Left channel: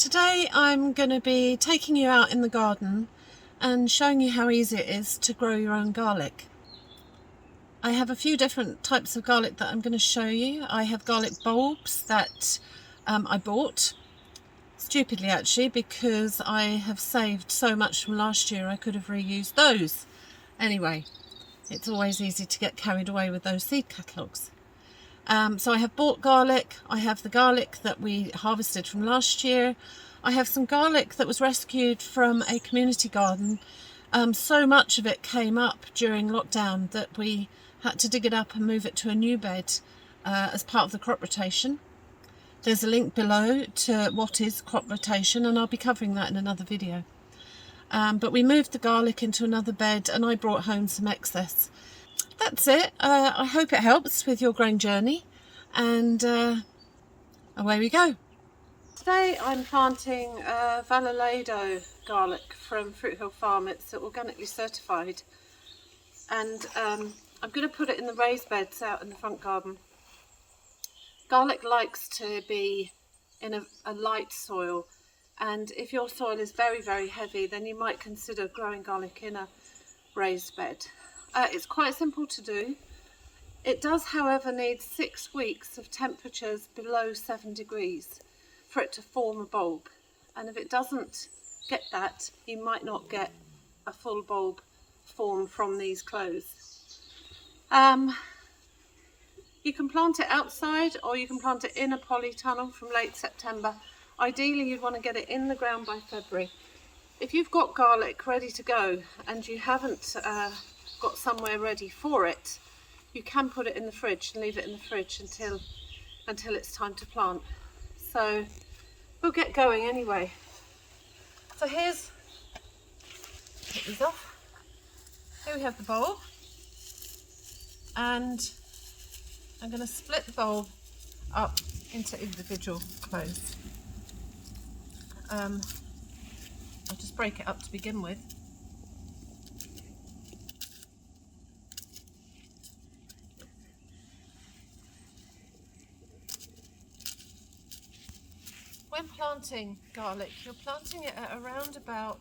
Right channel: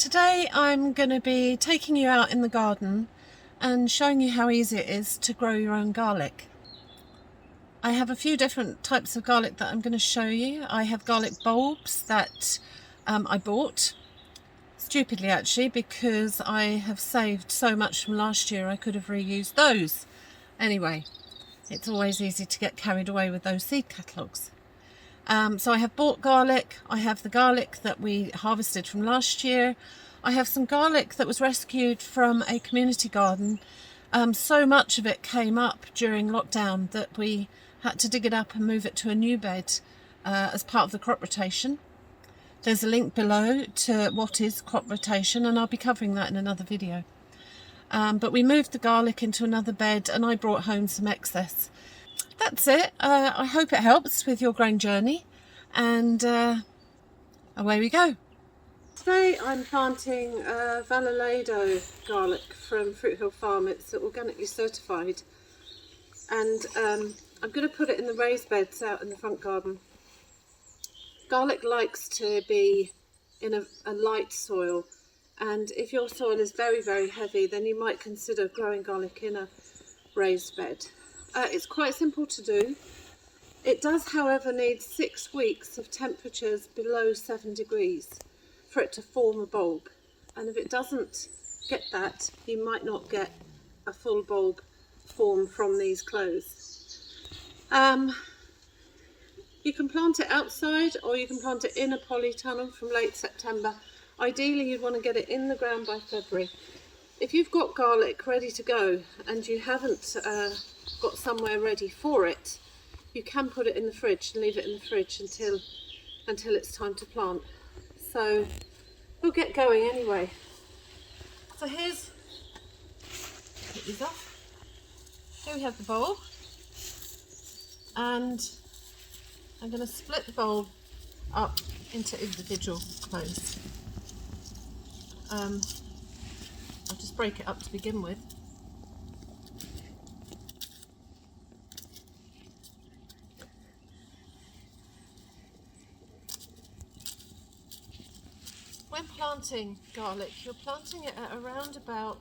Today I'm going to be taking you out in the garden and showing you how easy it is to grow your own garlic. I have a few different types of garlic that I'm going to show you. I have garlic bulbs that I bought, stupidly actually, because I have saved so much from last year I could have reused those. Anyway, it's always easy to get carried away with those seed catalogues. So I have bought garlic, I have the garlic that we harvested from last year, I have some garlic that was rescued from a community garden. So much of it came up during lockdown that we had to dig it up and move it to a new bed as part of the crop rotation. There's a link below to what is crop rotation, and I'll be covering that in another video. But we moved the garlic into another bed and I brought home some excess. That's it. I hope it helps with your growing journey, and away we go. Today I'm planting Valladolid garlic from Fruit Hill Farm. It's organically certified, and I'm going to put it in the raised beds out in the front garden. Garlic likes to be in a light soil, and if your soil is very, very heavy, then you might consider growing garlic in a raised bed. It's quite simple to do. It does, however, need 6 weeks of temperatures below 7 degrees for it to form a bulb. And if it doesn't get that, you might not get a full bulb form from these cloves. You can plant it outside, or you can plant it in a polytunnel from late September. Ideally, you'd want to get it in the ground by February. If you've got garlic ready to go and you haven't got somewhere ready for it, you can put it in the fridge and leave it in the fridge until it's time to plant. So we'll get going anyway. So here's, take these off. Here we have the bulb, and I'm going to split the bulb up into individual cloves. I'll just break it up to begin with. When planting garlic, you're planting it at around about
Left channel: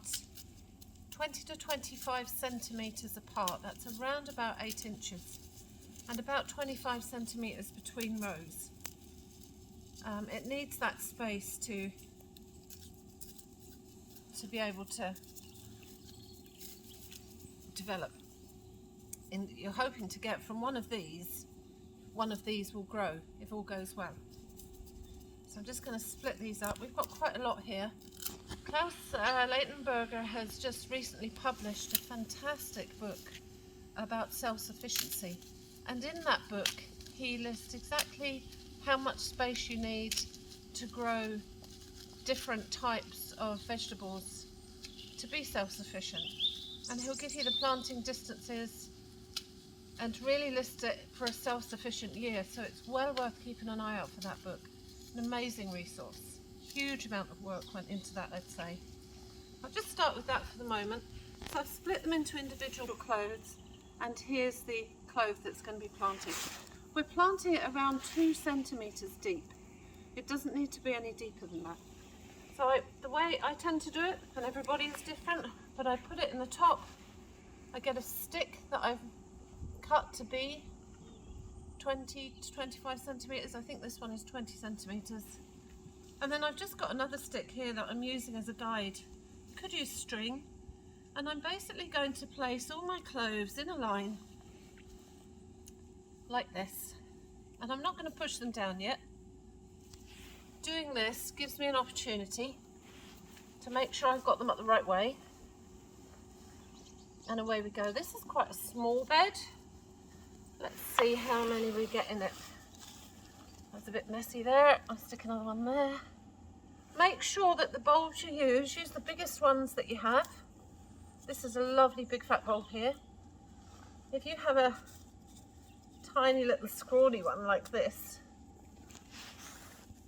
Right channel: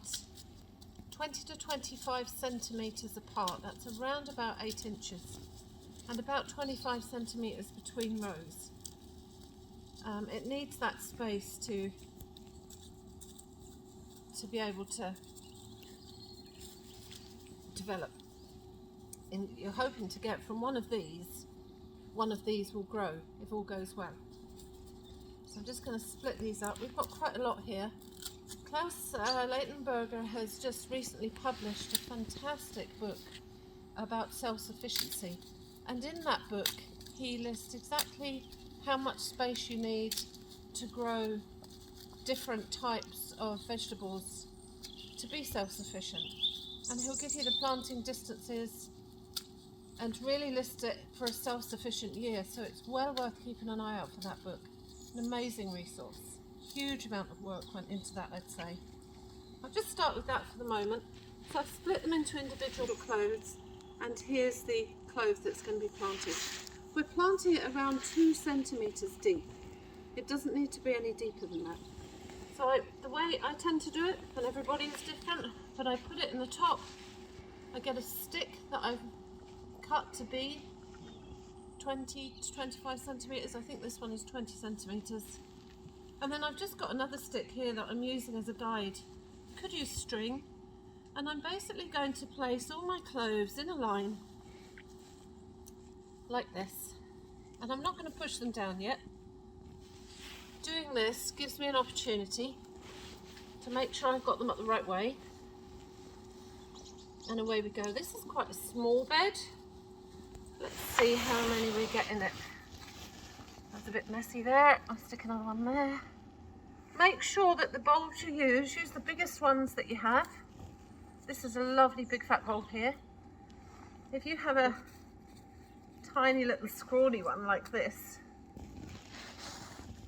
20 to 25 centimetres apart. That's around about 8 inches, and about 25 centimetres between rows. It needs that space to be able to develop. And you're hoping to get from one of these will grow if all goes well. So I'm just going to split these up. We've got quite a lot here. Klaus Leitenberger has just recently published a fantastic book about self-sufficiency, and in that book he lists exactly how much space you need to grow different types of vegetables to be self-sufficient, and he'll give you the planting distances and really list it for a self-sufficient year. So it's well worth keeping an eye out for that book. An amazing resource. Huge amount of work went into that, I'd say. I'll just start with that for the moment. So I've split them into individual cloves, and here's the clove that's going to be planted. We're planting it around 2 centimetres deep. It doesn't need to be any deeper than that. So the way I tend to do it, and everybody is different, but I put it in the top. I get a stick that I've cut to be 20 to 25 centimetres. I think this one is 20 centimetres. And then I've just got another stick here that I'm using as a guide. Could use string. And I'm basically going to place all my cloves in a line like this. And I'm not going to push them down yet. Doing this gives me an opportunity to make sure I've got them up the right way. And away we go. This is quite a small bed. Let's see how many we get in it. That's a bit messy there. I'll stick another one there. Make sure that the bulbs you use the biggest ones that you have. This is a lovely big fat bulb here. If you have a tiny little scrawny one like this,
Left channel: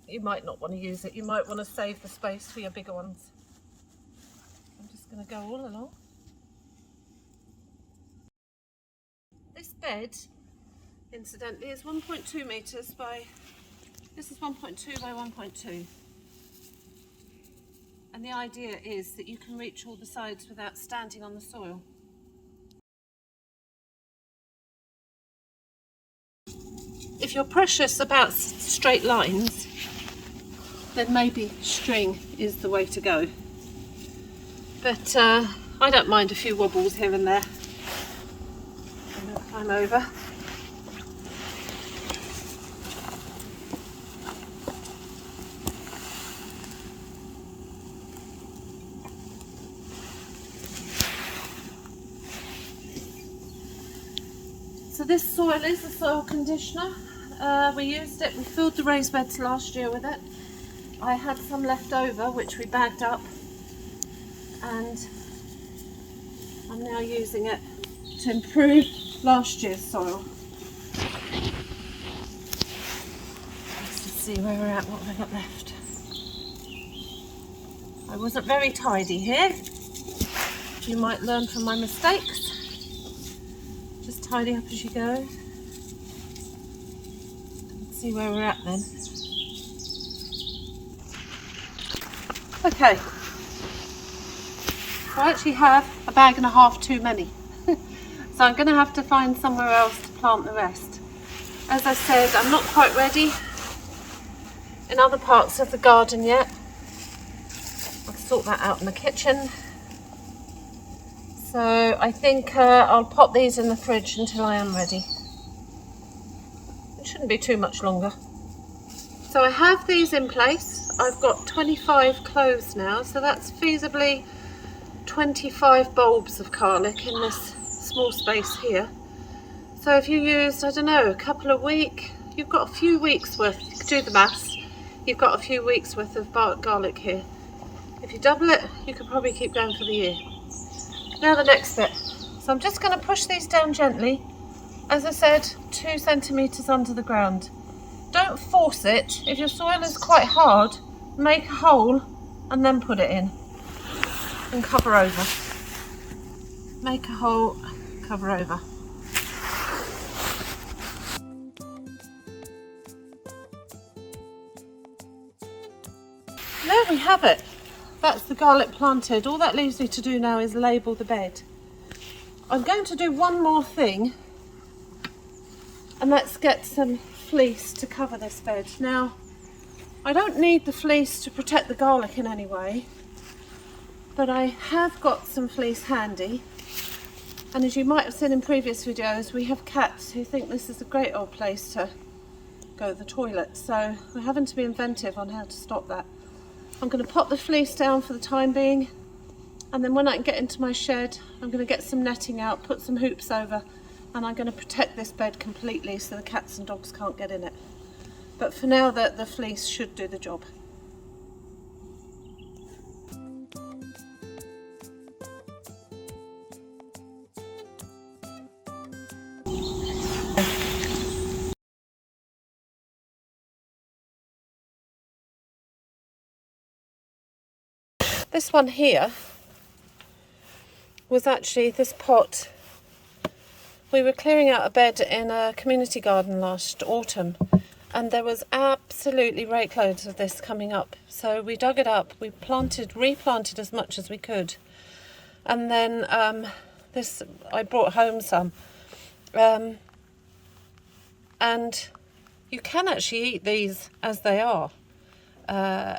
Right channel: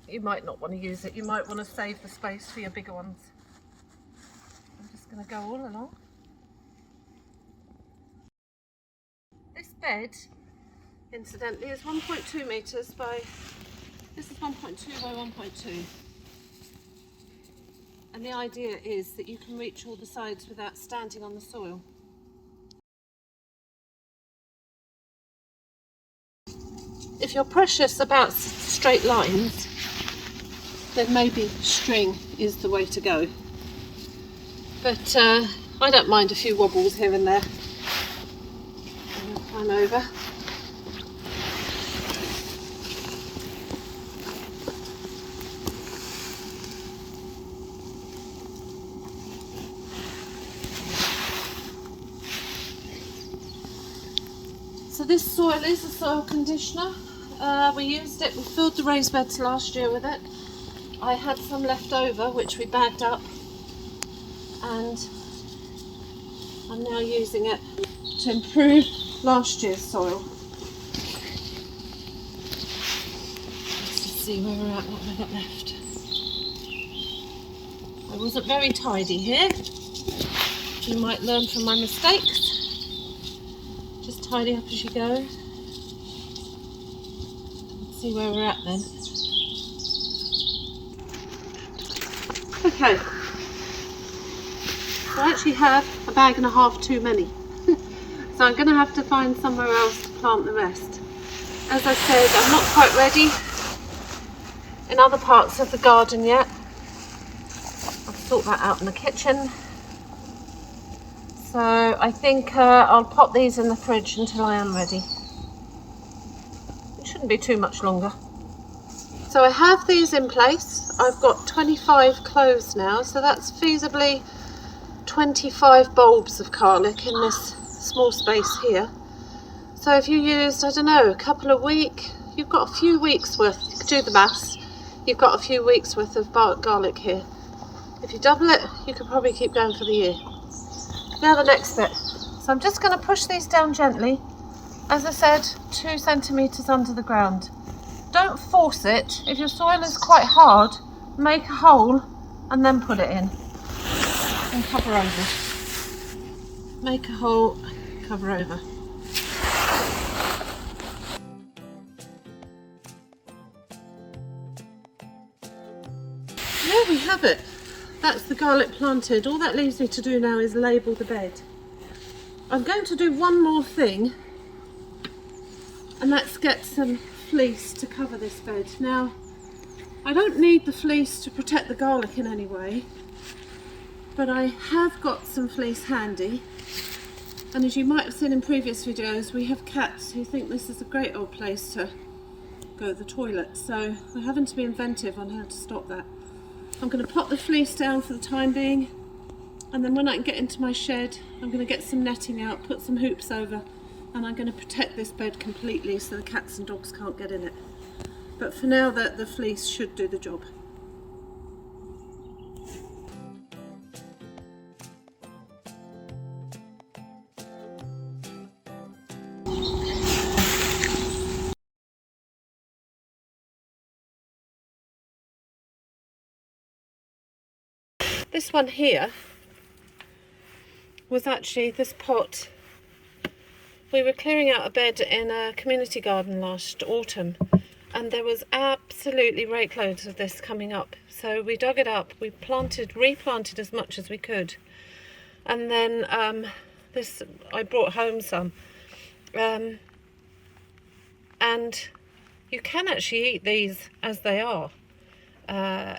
you might not want to use it. You might want to save the space for your bigger ones. I'm just going to go all along. This bed, incidentally, is 1.2 metres by, this is 1.2 by 1.2. And the idea is that you can reach all the sides without standing on the soil. If you're precious about straight lines, then maybe string is the way to go. But I don't mind a few wobbles here and there. I'm over. So this soil is a soil conditioner. We used it, we filled the raised beds last year with it. I had some left over which we bagged up, and I'm now using it to improve last year's soil. Let's just see where we're at, what have I got left. I wasn't very tidy here. You might learn from my mistakes. Just tidy up as you go. Let's see where we're at then. Okay. I actually have a bag and a half too many. So I'm going to have to find somewhere else to plant the rest. As I said, I'm not quite ready in other parts of the garden yet. I'll sort that out in the kitchen. So I think I'll pop these in the fridge until I am ready. It shouldn't be too much longer. So I have these in place. I've got 25 cloves now, so that's feasibly 25 bulbs of garlic in this small space here. So if you used, I don't know, a couple of weeks, you've got a few weeks worth, you could do the maths, you've got a few weeks worth of garlic here. If you double it, you could probably keep going for the year. Now the next bit. So I'm just going to push these down gently. As I said, 2 centimetres under the ground. Don't force it. If your soil is quite hard, make a hole and then put it in. And cover over. Make a hole, cover over. There we have it. That's the garlic planted. All that leaves me to do now is label the bed. I'm going to do one more thing, and let's get some fleece to cover this bed. Now, I don't need the fleece to protect the garlic in any way, but I have got some fleece handy. And as you might have seen in previous videos, we have cats who think this is a great old place to go to the toilet. So we're having to be inventive on how to stop that. I'm going to pop the fleece down for the time being, and then when I can get into my shed, I'm going to get some netting out, put some hoops over, and I'm going to protect this bed completely so the cats and dogs can't get in it. But for now, the fleece should do the job. This one here was actually this pot. We were clearing out a bed in a community garden last autumn, and there was absolutely rake loads of this coming up. So we dug it up, we replanted as much as we could, and then I brought home some. And you can actually eat these as they are.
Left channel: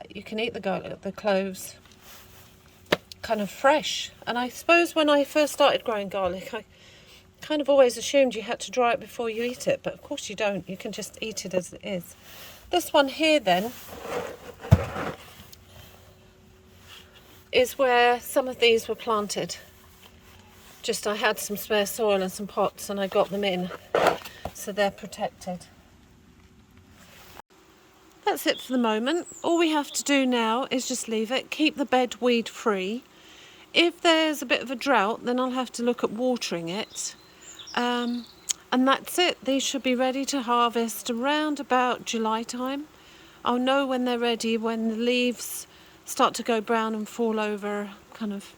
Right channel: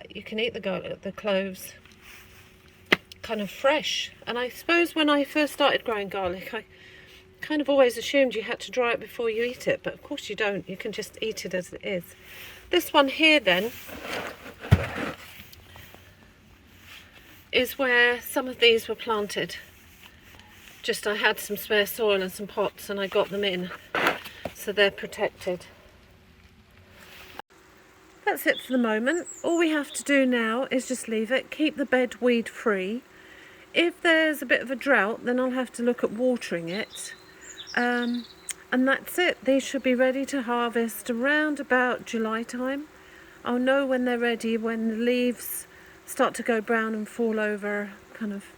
You can eat the garlic, the cloves, kind of fresh. And I suppose when I first started growing garlic, I kind of always assumed you had to dry it before you eat it, but of course you don't. You can just eat it as it is. This one here then is where some of these were planted. Just I had some spare soil and some pots and I got them in, so they're protected. That's it for the moment. All we have to do now is just leave it, keep the bed weed free. If there's a bit of a drought, then I'll have to look at watering it. And that's it. These should be ready to harvest around about July time. I'll know when they're ready, when the leaves start to go brown and fall over, kind of,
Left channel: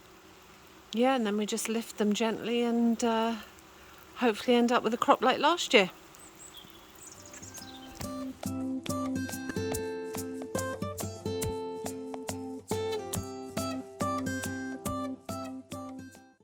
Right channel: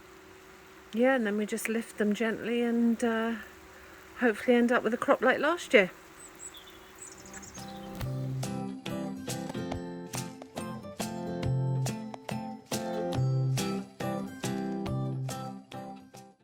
yeah, and then we just lift them gently and hopefully end up with a crop like last year.